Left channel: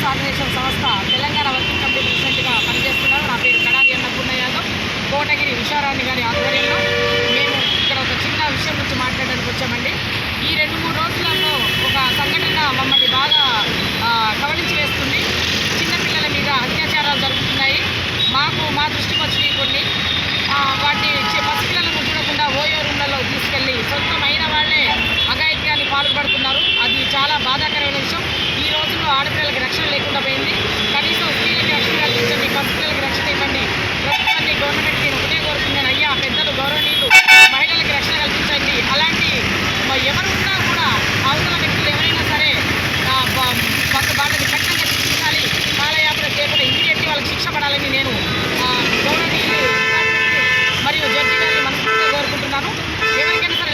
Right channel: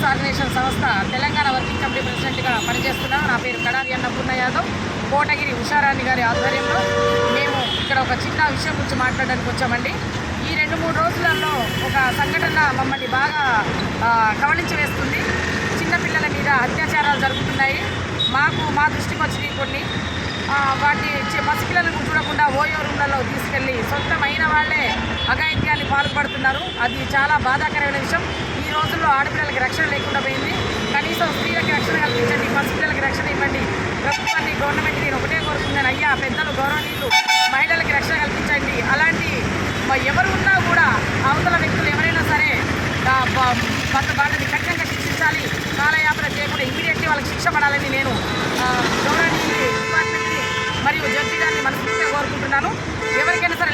Rights organisation సంస్థ Telangana working committee ప్రెసిడెంట్గా పనిచేస్తున్నాను. నా పేరు కడారి అన్నపూర్ణ యాదవ్. కోటగిరి ఉషారాణి గారి ఆధ్వర్యంలో మేము ఇక్కడ ఒక చిన్న విషయం గురించి మాట్లాడడానికి వచ్చామండి. ఈ 2-3 రోజులలో ఒక సంఘటన మమ్మల్ని బాగా కవలించి వేస్తుంది. చిన్నపిల్లల మీద అత్యాచారాలు జరుగుతున్నాయి. మా దృష్టికి వచ్చినాయి కొన్ని. వాటిని పసిపిల్లలకు చూడకుండా ఓయో రూమ్లలో తీసుకెళ్ళి సొంతమైన వాళ్ళే అఘాయిత్యాన్ని పాల్పడుతున్నారు. అది చాలా బాధాకరమైన విషయం. ఈ రోజుల్లో ఆడపిల్లలకి రక్షణ లేకుండా పోయింది. కనీసం స్త్రీలకి రక్షణ కల్పించండి, పసిపిల్లలకి రక్షణ ఇవ్వండి. ప్రభుత్వాన్ని, గవర్నమెంట్ నేను ఒకటే కోరుకున్నాను, అయ్యా పెద్దలు గౌరవనీయులు మహిళలకి రక్షణ కల్పించండి. అలాంటి ఎవరు ఉన్నా కూడా అవతల వ్యక్తులు ఎవరైనా సరే వాళ్ళని కఠినంగా శిక్షించాలి. కాలయాపన చేయకుండా ఇమీడియట్లీ వాళ్ళకి శిక్ష పడాలని నేను గౌరవనీయులు డిపార్ట్మెంట్ని మరియు జడ్జి గారిని మనస్ఫూర్తిగా కోరుకుంటున్నాను. ఎవరికైనా సరే